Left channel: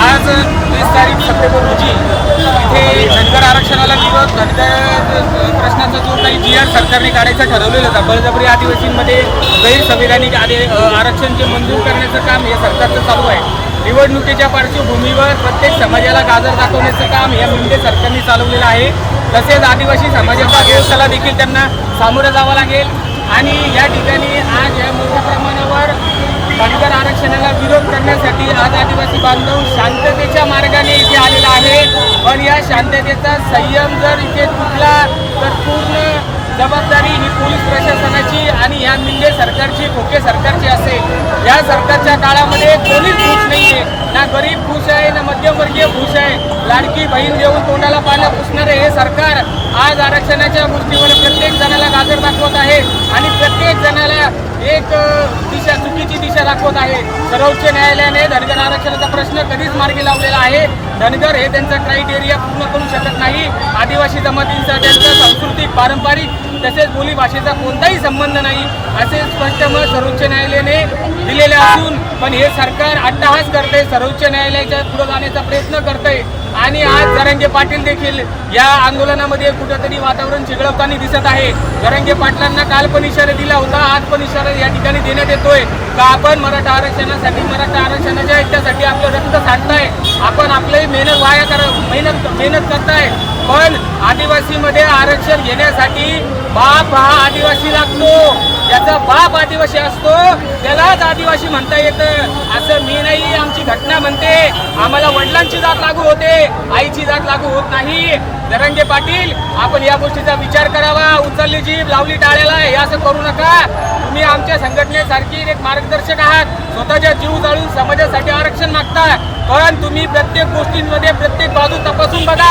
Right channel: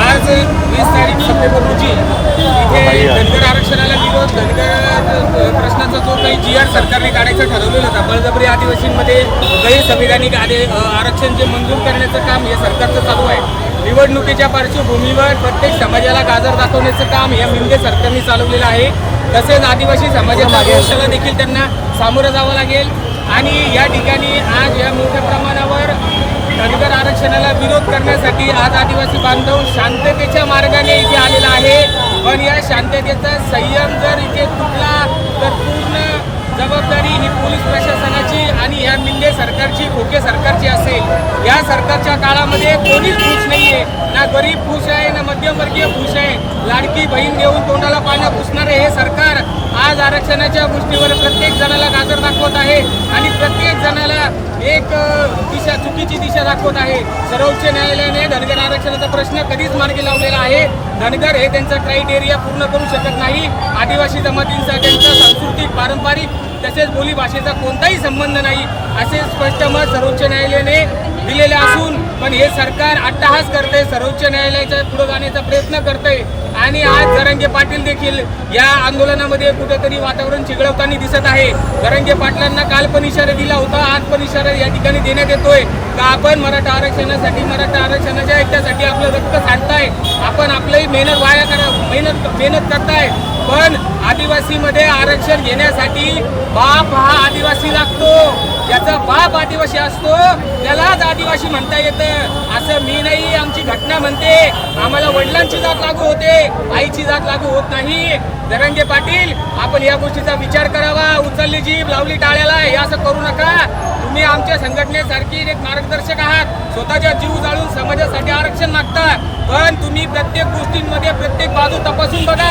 आज वीस तारीख सप्टेंबर रोजी इथे धनगर आरक्षणाला विरोध धनगर प्रश्नाचा जो काही जी आर सरकारने काढायचा ठरवलेला होता बळजबरी आदिवासींमध्ये गैरसंविधानिक आदि आरक्षण जे मंजूर करण्याचं काम हे सरकारचं चालू आहे. निवडणुकीच्या पार्श्वभूमीवर प्रत्येक समाजाला गाजर दाखवण्याचं काम या मिंदे सरकारने चालवलेलं आहे. तसेच आदिवासी समाजाचा रोषाला देखील त्यांना सामोरं जावं लागेल. आणि या ठिकाणी आज या मोठ्या प्रमाणावर धनगर आरक्षणाला विरोध करण्यासाठी आज आदिवासी बांधव शांततेच्या मार्गाने इथे आलेला आहे. पण या शांततेचा संयम जर इथे तुटला तर पूर्ण जबाबदारी ही पोलीस प्रशासनाची आणि या मिंडे सरकारची खोके सरकारची असेल. या सरकारच्या काळामध्ये कोणीच खुश नाहीये. ना गरीब खुश आहे ना मध्यमवर्गीय खुश आहे. लाडकी बहीण देऊन तोंडाला पानं पुसणारे हे सरकार आज आरक्षणाच्या गोष्टीवर प्रत्येक जणाला गाजर दाखवत आहे आणि प्रत्येक जणाला एक दिशा चुकीची दिशा दाखवत आहे. सर्वोच्च न्यायालयाने धनगर आरक्षणाचा प्रश्न कधीच मार्गी लावलेला आहे. धनगर हे त्यांचा क्रायटेरिया पूर्ण करू शकत नाही. आदिवासी जमातींचा त्यांचा सांस्कृतिक पारंपरिक तसेच बोली भाषेचा कोणताही संबंध नाही असे स्पष्ट मत सर्वोच्च न्यायालयाने दिलेले असून पण हे सरकार अट्टहास करते सर्वोच्च न्यायालयाच्या पुढे जाण्याचा प्रयत्न करते आणि आज जरंगे पाटील देखील या आंदोलनामध्ये कुठेतरी वातावरण चिघळवताना दिसत आहे. जरंगे पाटलांना काल पण इशारा दिला होता आज पण इशारा या ठिकाणी देण्यात येतोय. का आपण मराठा आरक्षणासाठी मराठा आरक्षणाच्या ऐक्यासाठी आपलं रक्त सांडताय आपण आपलंही मेहनत वाया करा मेहनत मेहनत करताय. पण आदिवासीमध्ये आरक्षण घेण्यासाठी बाप हा आदिवासी लागतो. ज्याचा बाप आदिवासी असतो त्यालाच आदिवासी म्हणता येतं. असं मी नाही आमची घटना म्हणते. आम्हाला वडिलांची जात लागू होते आईची जात लागू होत नाही. दरंगे पाटील आपण या गोष्टीचा विचार करावा. उचलली जीभ लावली टाळ्याला हे असं करू नका. तुम्ही आमच्या संघटनेसारखी एक मार्गदर्शक आहात. स्वतःच्या जीव जाळून समाजासाठी आरक्षण मागता. पण तुम्ही प्रत्येक गोष्टींमध्ये प्रत्येक बाजू तपासून बघा.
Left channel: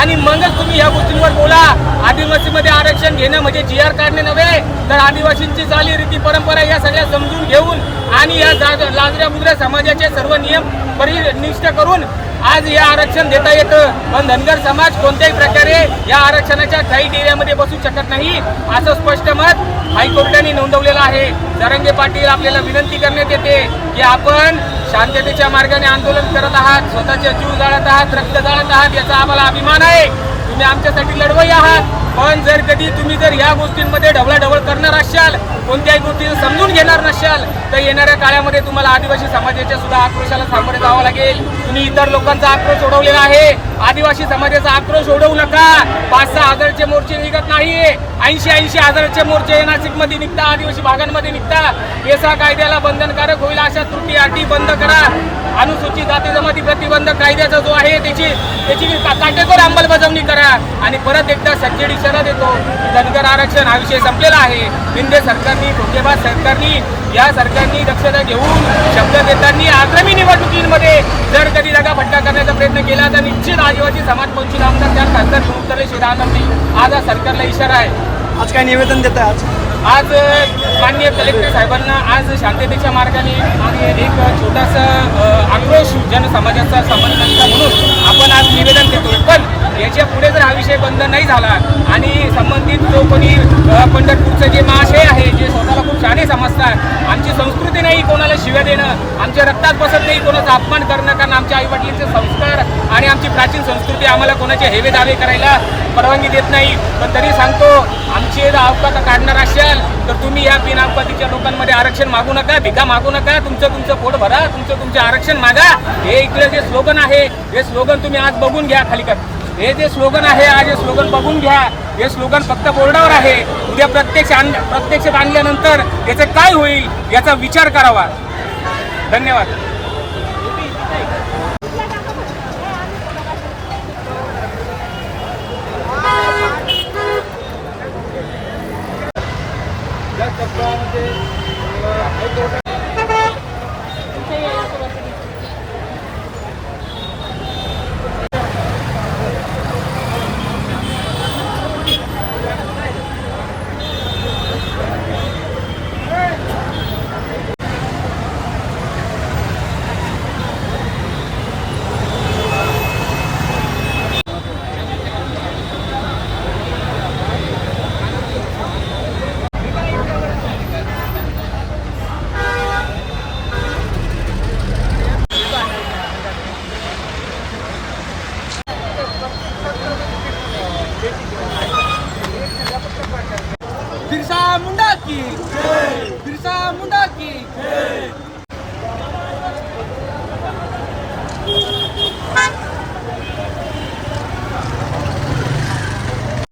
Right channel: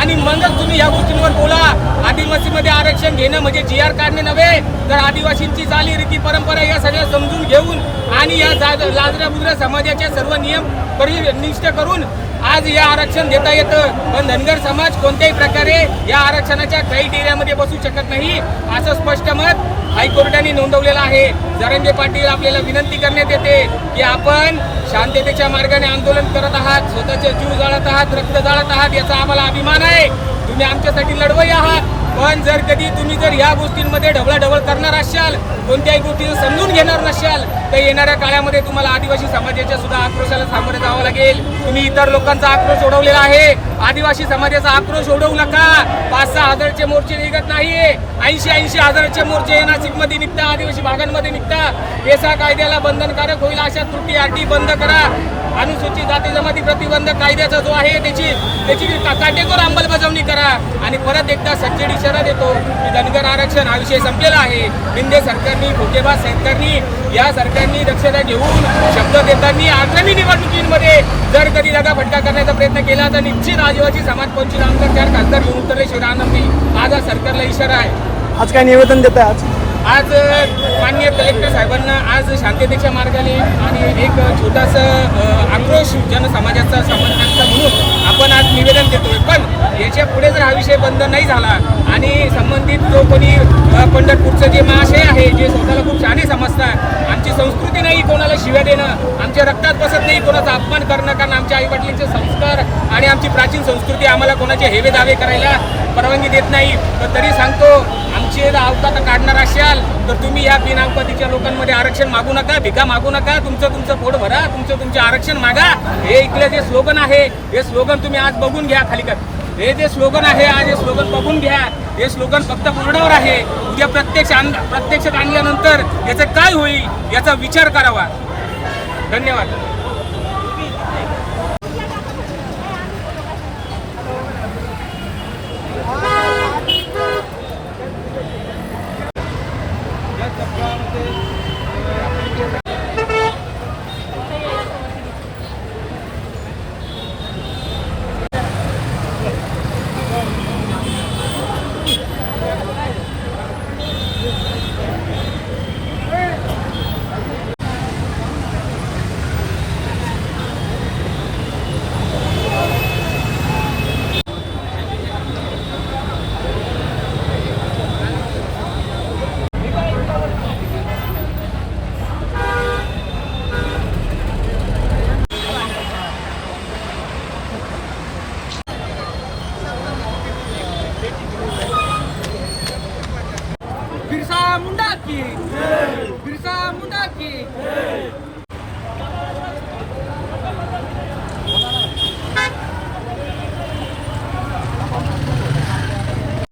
आणि मगच तुम्ही या गोष्टींवर बोला. आदिवासीमध्ये आरक्षण घेणं म्हणजे जी आर काढणे नव्हे तर आदिवासींची चाली रीती परंपरा या सगळ्या समजून घेऊन आणि या लाजऱ्या बुजऱ्या समाजाचे सर्व नियम परिनिष्ठ करून आज हे आरक्षण देता येतं. पण धनगर समाज कोणत्याही प्रकारे या आरक्षणाच्या क्रायटेरियामध्ये बसू शकत नाही असं स्पष्ट मत हायकोर्टाने नोंदवलेलं आहे. जरंगे पाटील आपल्याला विनंती करण्यात येते की आपण शांततेच्या मार्गाने आंदोलन करत आहात स्वतःचे जीव जाळत आहात रक्त जाळत आहात याचा आम्हाला अभिमान आहे. तुम्ही आमच्यासाठी लढवई आहात. पण जर कधी तुम्ही जर या गोष्टींमध्ये ढवळाढवळ करणार असाल कोणत्याही गोष्टी समजून घेणार नसाल तर येणाऱ्या काळामध्ये तुम्हाला आदिवासी समाजाच्या सुद्धा आक्रोशाला सामोरे जावं लागेल. तुम्ही इतर लोकांचा आक्रोश ओढवलेला आहे. आदिवासी समाजाचा आक्रोश ओढवू नका. पाच सहा हजारचे मोर्चे निघत नाहीये. ऐंशी ऐंशी हजारचे मोर्चे नाशिकमध्ये निघता आदिवासी भागांमध्ये निघता. एसा कायद्याला बंधनकारक होईल अशा त्रुटी आरटी बंद करा. अनुसूचित जाती जमाती प्रतिबंध कायद्याचा जो आहे त्याची त्याची का- काटेकोर अंमलबजावणी करा. आणि परत एकदा सच्चेड इशारा देतो की धनगर आरक्षण हा विषय संपलेला आहे. शिंदे सरकारनी धोकेबाज सरकारनी या सरकारनी दक्षता घेऊन शब्द देताना आगामी निवडणुकीमध्ये जर कधी फटका करण्याचा प्रयत्न केला तर निश्चित आदिवासी समाज पंचवीस आमदार चार खासदार घेऊन उतरल्याशिवाय राहणार नाही आज हा सरकारला इशारा आहे. आज काय निवेदन देता आज? आज माननीय कलेक्टर साहेबांना आज शांततेच्या मार्गाने आणि एक छोटासा आक्रोश जनसमाजाचा समर्थनाचा म्हणून आपण आज निवेदन देतोय. पण याच्यापुढे जर हा विषय बंद नाही झाला आणि संबंधित जो कोणी पंढरपूरचं जे महाशय आहे जे स्वतःला खूप शाने समजतात आमची संस्कृती नाही कोणाला शिव्या देणं आमच्या रक्तात बसत नाही कोणाचा अपमान करणं कारण आमच्या आईवडिलांचे संस्कार आणि आमची प्राचीन संस्कृती आम्हाला कोणाचे हेवे दावे करायला परवानगी देत नाही. पण तरी सांगतो आमची जर अवकात काढणार असाल तर तुम्ही या बिनअवकातीच्या लोकांमध्ये आरक्षण मागू नका भिका मागू नका तुमचं तुमचं पोट भरा तुमचं तुमचं आरक्षण मागा हे इथलं जे स्लोगन आहे हे स्लोगन तुम्ही आज बघून घ्या खाली कर. हे जे स्लोगन आहे आज हे स्लोगन बघून घ्या. हे स्लोगन फक्त बोर्डावर आहे. उद्या प्रत्यक्ष आण प्रत्यक्षात आणल्यानंतर याचं काय होईल याचा विचार करावा. धन्यवाद. बिरसा मुंडा की बिरसा मुंडा की